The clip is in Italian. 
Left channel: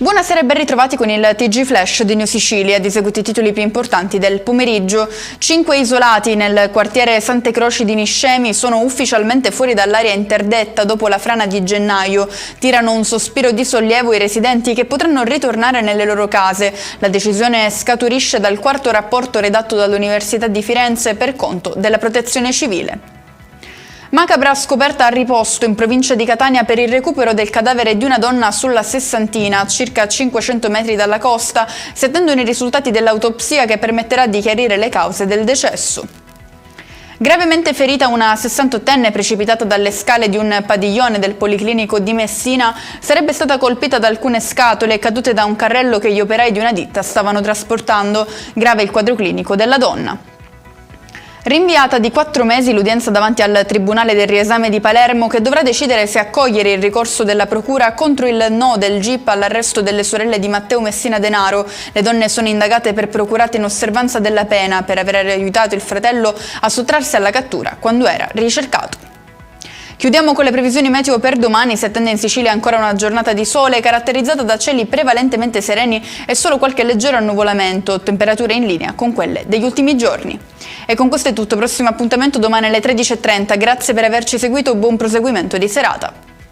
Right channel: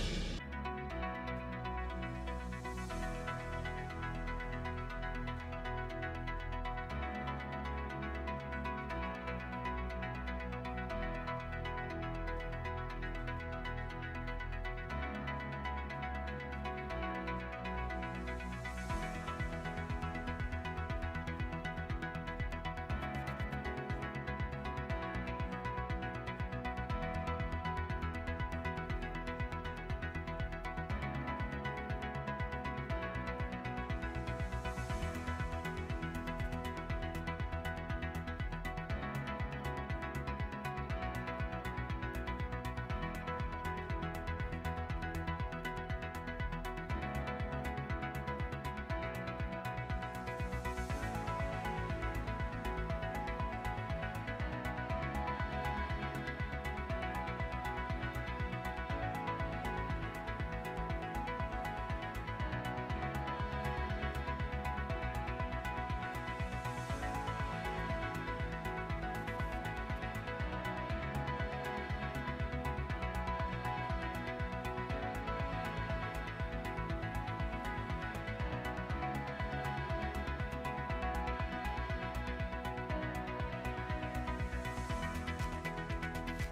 Buonasera e ben ritrovati con il TG Flash di New Sicilia, di seguito i titoli più importanti del pomeriggio. 5 isolati nel quartiere Sante Croci di Niscemi sono ufficialmente fuori dall'area interdetta dopo la frana di gennaio. Tirano un sospiro di sollievo i residenti che potranno ritornare nelle loro case. La decisione scaturisce dal quarto rapporto redatto dall'Università di Firenze per conto della Protezione Civile. Macabra scoperta a Riposto, in provincia di Catania, per il recupero del cadavere di una donna sulla Sessantina, a circa 500 metri dalla costa, si attendono i risultati dell'autopsia che permetterà di chiarire le cause del decesso. Gravemente ferita una 68enne precipitata dalle scale di un padiglione del Policlinico di Messina, sarebbe stata colpita da alcune scatole cadute da un carrello che gli operai di una ditta stavano trasportando. Grave il quadro clinico della donna. Rinviata di 4 mesi l'udienza davanti al Tribunale del Riesame di Palermo, che dovrà decidere se accogliere il ricorso della Procura contro il no del GIP all'arresto delle sorelle di Matteo Messina Denaro. Le donne sono indagate per procurata in osservanza della pena per aver aiutato il fratello a sottrarsi alla cattura quando era ricercato. Chiudiamo con le previsioni meteo per domani. Si attende in Sicilia ancora una giornata di sole caratterizzata da cieli prevalentemente sereni e solo qualche leggero annuvolamento, temperature in linea con quelle degli ultimi giorni. E con questo è tutto, prossimo appuntamento domani alle 13:30. Grazie per averci seguito, buon proseguimento di serata.